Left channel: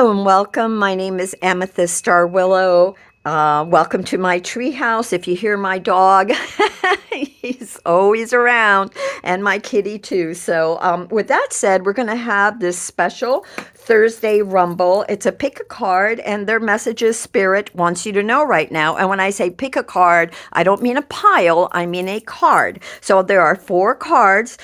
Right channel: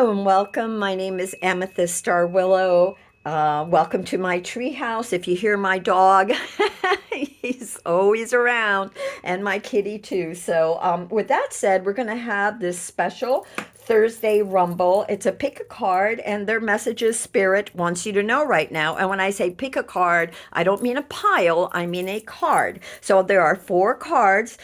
Hello and welcome. My name is Amethyst Starwillow. Welcome to my treehouse. If you hear my dog, he's always around, and my kitty too. So, with that said, we're going to have this special Thursday Rumble. It's a pick a card, and their message is Spirit wants you to know right now. And when I say pick a card, I don't mean a pile, I mean a card. So, there are four cards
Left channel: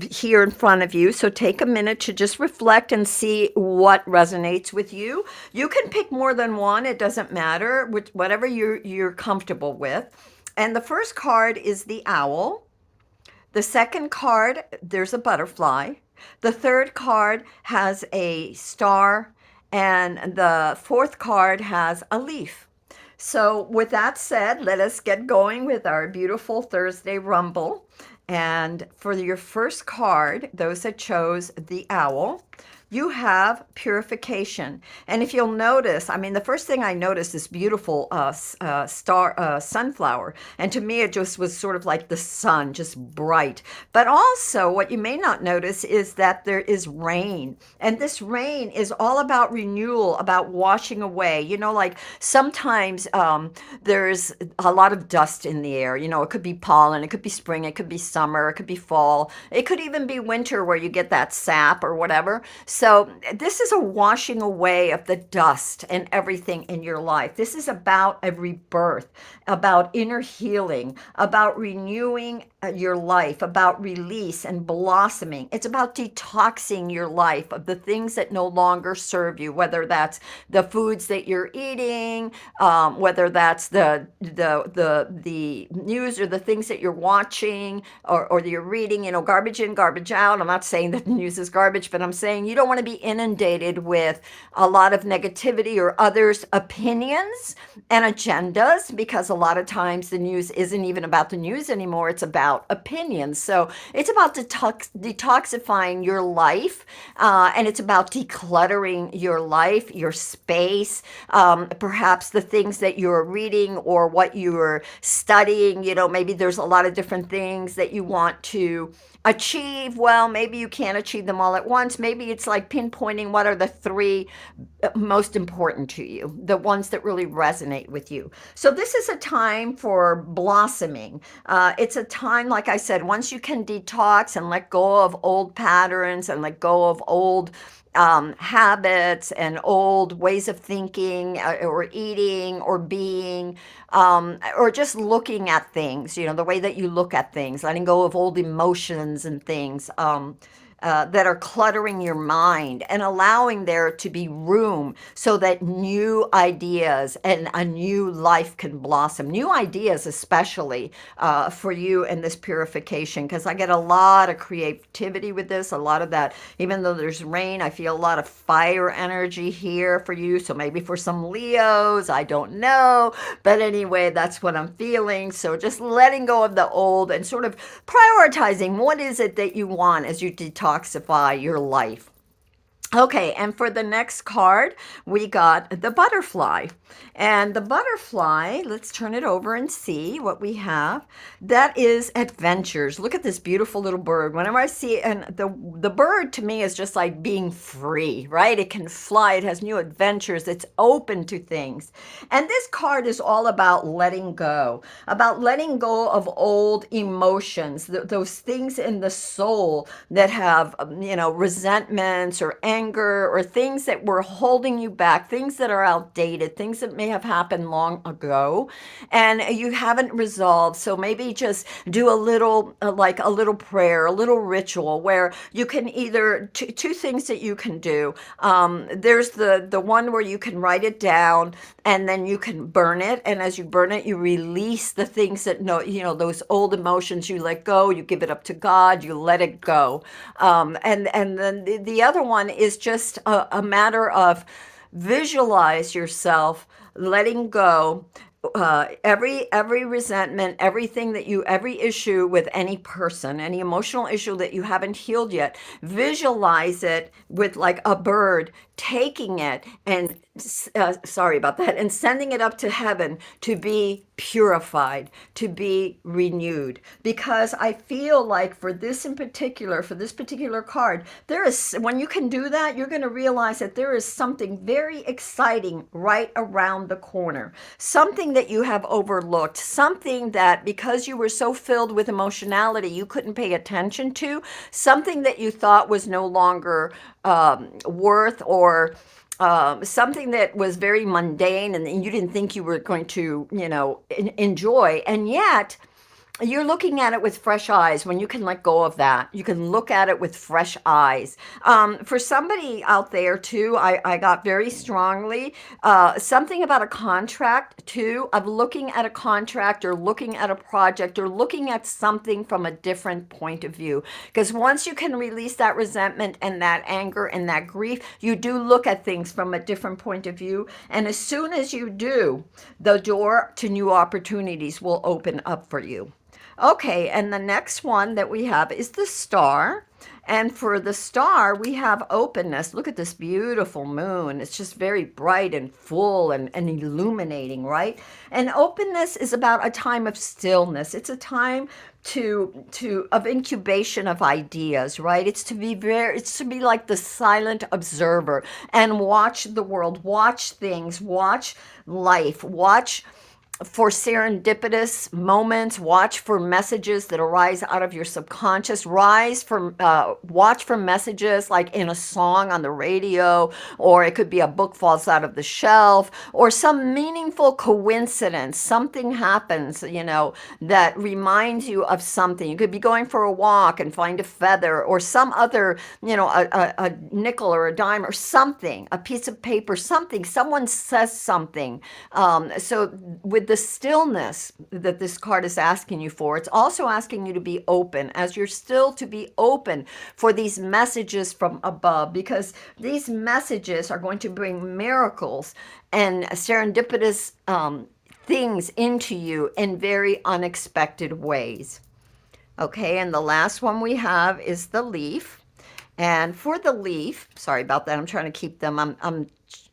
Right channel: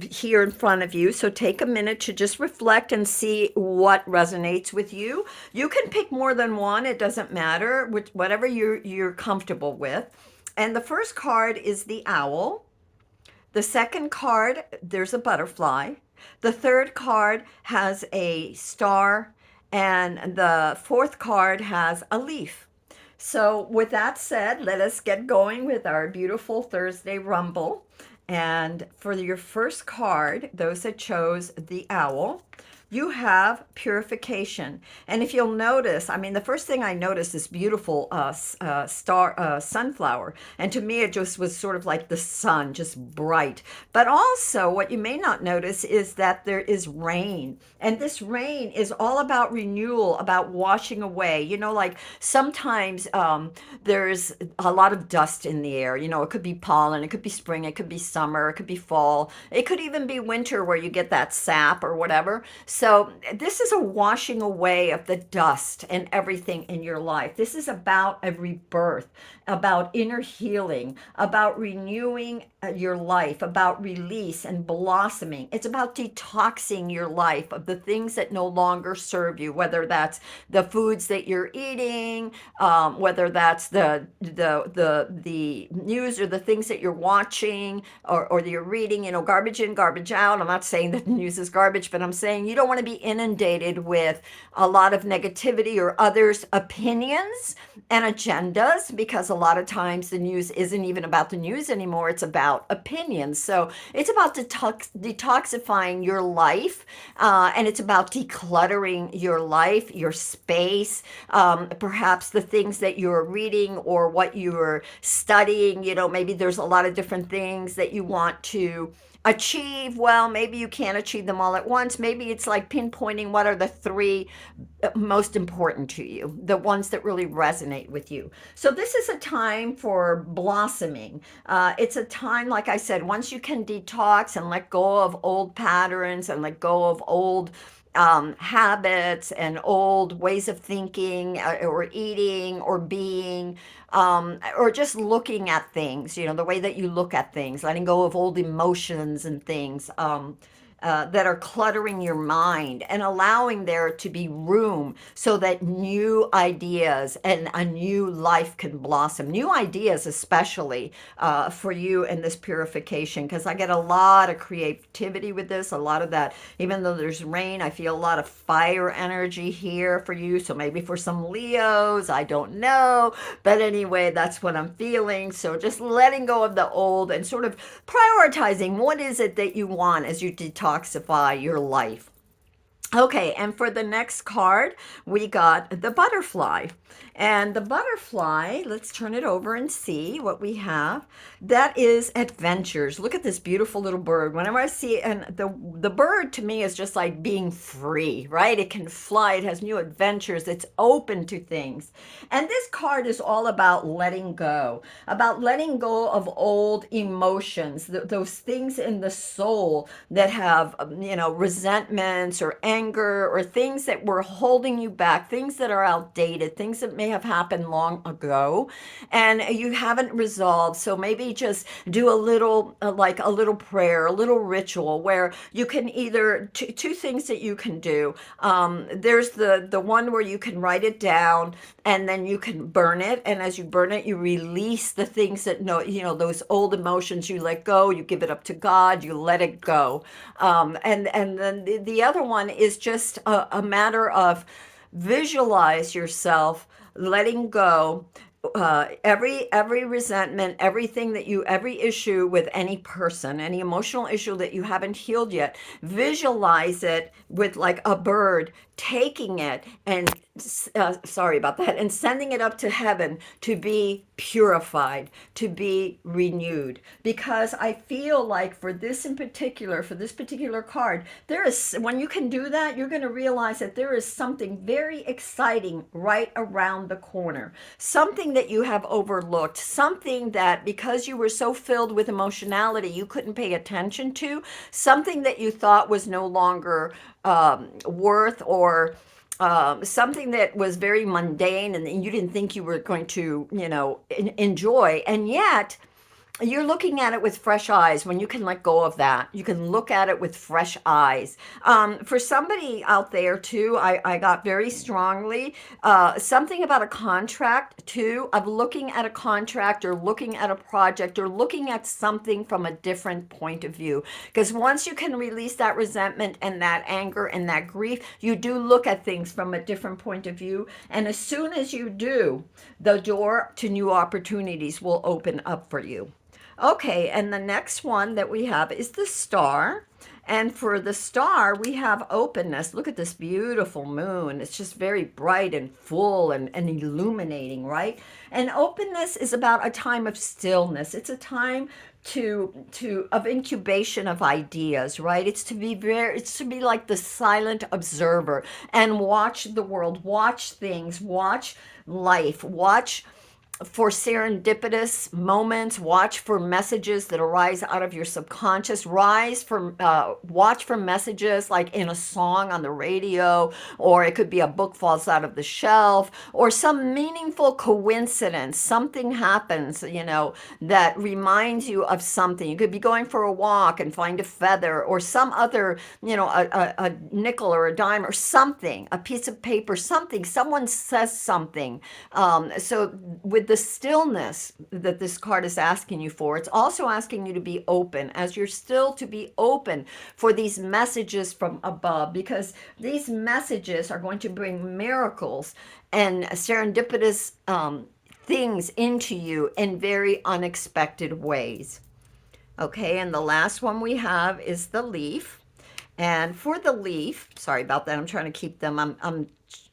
here in front of you. So take a minute to just reflect and see what resonates with you. You can pick more than one, it doesn't matter, whatever you're comfortable with. And the first card is the owl. The second card, there's a butterfly. The third card has a star. And the fourth card has a leaf. So, with that said, let us get going with our beautiful Thursday Rumble. And for your first card, those that chose the owl, you have purification. And if you'll notice, I mean, the first thing I noticed is beautiful star sunflower. And to me, it just was sort of like the sun, just bright. But also, what you may not notice is that there is rain. And this rain is all about renewal, about washing away. You know, like sometimes there's a lot of dust in the air. You know, it could be pollen, it could be spring, it could be summer, it could be fall, it could even be winter where you get that sap or whatever. So, this is a washing away of the dust and everything in your life. This is about a rebirth, about inner healing, about renewing your life, about release and blossoming. It's about detoxing your life of the things that no longer serve you, whether that's the foods that you're eating, whether that's the news or the things that you're watching or you're reading, you know, garbage in, garbage out. I'm not saying that the news is garbage, but I'm saying you don't want to be inundated with a lot of negativity or others' opinions and agendas, because a lot of times the news isn't even about the news anymore. It's about opinions. So it's about detoxifying your life, and it's about decluttering your life, your space, perhaps the things that you're reading or what you're studying. You know, maybe there's a lot of different things that you want to achieve. Well, maybe you can't achieve them all at once. Maybe it's like pinpointing what are the three most important to you, the ones that really resonate with you. So this is a time for blossoming. It's a time, like I said, once you can detox and let go of old patterns and let go of old habits and old ways of thinking or eating or being, or just looking at things, you know, the way that you look at things, letting go of old emotions and things. That are cluttering your mind and allowing there to be room so that new ideas and a new life can blossom. New ideas, especially for you in this purification, because I get a lot of creativity with this, a lot of that. Even though there's rain, I feel a lot of fire energy here for you. So maybe for some Leos, I don't know. But anyway, that's what I'm feeling. So just letting go of the old and sort of prioritizing what is it that you want as you detoxify your life. Okay, and for the next card, we got the butterfly. And the butterfly, let's turn it over and see what we have. That is adventures. Look at this beautiful little bird. Whenever I see, and the bird to me is just like being free, right? It can fly, it has new adventures, it's open to things. And this card is all about letting go of old emotions, those things in the soul that have, you know, resentments or anger or things that were holding you back, things that are outdated, things that may have happened long ago and you haven't resolved. So maybe just do a little, like a little prayer, a little ritual where you can either, two things that you can do. There's the one where you can write it down and then you can burn it, and as you burn it you release the things that, no, you know, those old emotions, you let go, you give it up to God, you let it go. And then the other one is just a matter of visualize yourself letting go every resentment, everything that you, every issue with any person, any emotional issue that you haven't healed yet. Visualize it with like a bird taking it and sorry about that, and sending it up to heaven to be purified, to be renewed. Because I feel like for this in particular, for this particular card, there is, when you can do that, you're going to realize that there is something very exciting right around the corner. Something that you have overlooked, something that because you were so filled with emotionality, you couldn't pay attention to, something that you thought was no longer worth, or something that was very mundane and you didn't think you were going to, enjoy. And yet, you're looking at it with fresh eyes. When you can let go of that, you can look at it with fresh eyes. For somebody out there too, I got very strongly something about a contract too, of looking at a contract or looking at a project or looking at something from a different point of view. Because once you can release that resentment and that anger and that grief, you do look at things from a different point of view. And as soon as you do, the door to new opportunities will open up for you. Okay, and the next one that we have is the star. And for the star, we have openness. Look at this beautiful moon. It's just very bright and full and illuminating, right? And openness is about a time of stillness. It's a time to of incubation of ideas, right? It's to be like the silent observer and watch the world, watch things, watch life, watch for serendipitous moments, watch for messages that arise out of your subconscious, watch for messages like in a song on the radio, or it could be a book falls out of the shelf, or some meaningful coincidence. Something happens, that reminds you of something. You could be going for a walk and find a feather, or some other, a nickel or a dime or something, a piece of paper, something, someone says something. So with the stillness that this card is asking you for, it's also asking you to be open, as you're still to be open for these messages from above, because these messages are going to bring miracles and serendipitous things into you in very unexpected ways. Okay, and the last one we have is the leaf. And for the leaf, sorry about that, I'm trying to keep them, I'm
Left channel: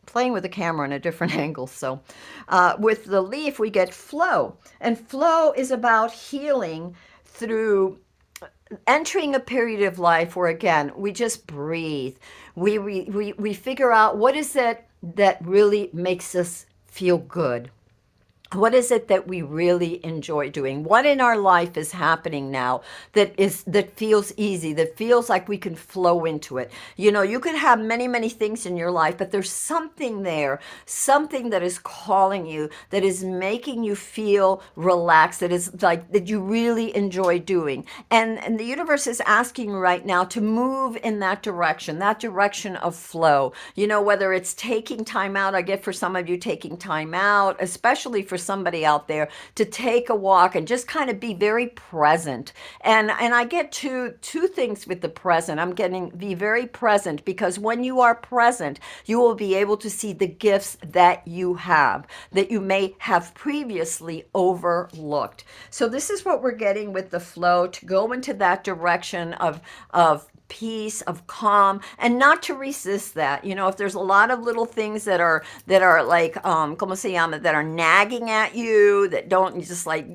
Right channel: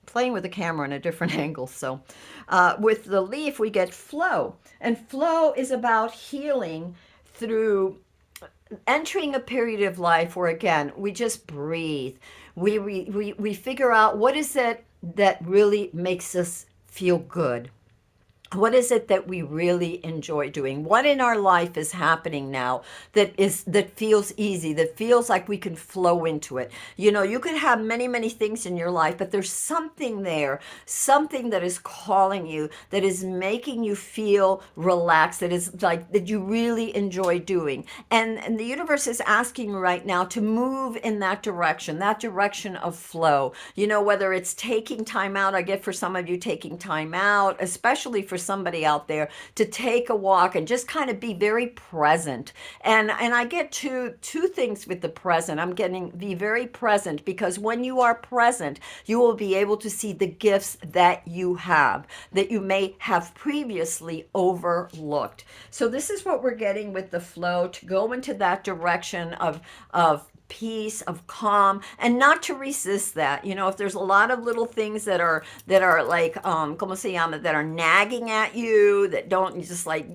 playing with the camera in a different angle. So with the leaf, we get flow. And flow is about healing through entering a period of life where, again, we just breathe. We figure out what is it that really makes us feel good. What is it that we really enjoy doing? What in our life is happening now that feels easy, that feels like we can flow into it? You could have many, many things in your life, but there's something there, something that is calling you, that is making you feel relaxed, that is like that you really enjoy doing. And the universe is asking you right now to move in that direction of flow. Whether it's taking time out, I get for some of you taking time out, especially for somebody out there, to take a walk and just kind of be very present. And I get two things with the present. I'm getting be very present, because when you are present, you will be able to see the gifts that you have, that you may have previously overlooked. So this is what we're getting with the flow, to go into that direction of peace, of calm, and not to resist that. If there's a lot of little things that are like como se llama, that are nagging at you, that don't just like,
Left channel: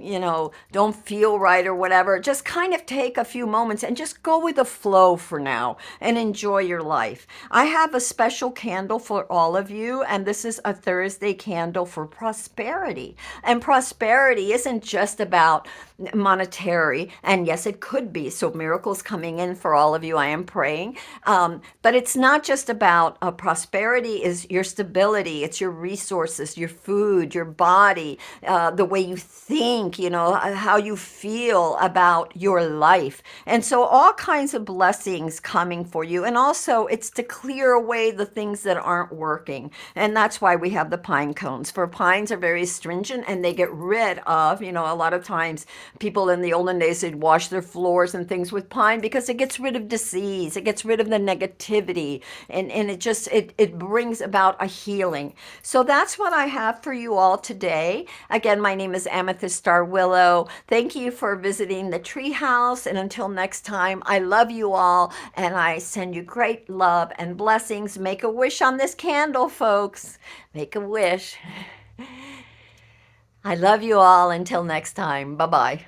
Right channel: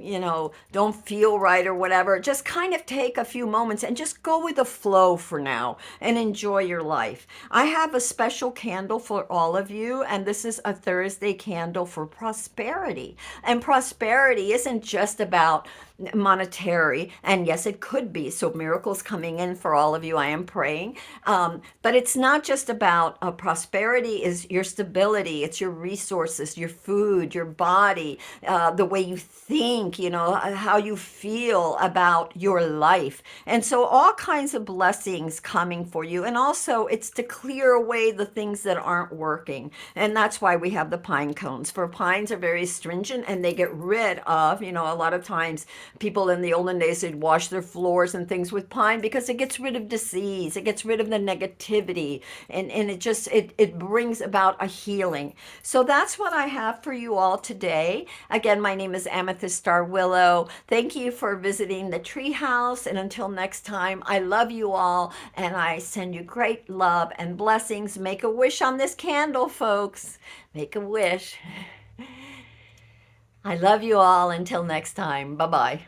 don't feel right or whatever, just kind of take a few moments and just go with the flow for now and enjoy your life. I have a special candle for all of you, and this is a Thursday candle for prosperity. And prosperity isn't just about monetary, and yes, it could be. So miracles coming in for all of you, I am praying. But it's not just about prosperity. Is your stability, it's your resources, your food, your body, the way you think, how you feel about your life. And so all kinds of blessings coming for you. And also it's to clear away the things that aren't working. And that's why we have the pine cones. For pines are very stringent, and they get rid of, a lot of times people in the olden days, they'd wash their floors and things with pine, because it gets rid of disease. It gets rid of the negativity, and it brings about a healing. So that's what I have for you all today. Again, my name is Amethyst Star Willow. Thank you for visiting the treehouse, and until next time, I love you all, and I send you great love and blessings. Make a wish on this candle, folks. Make a wish. I love you all. Until next time. Bye bye.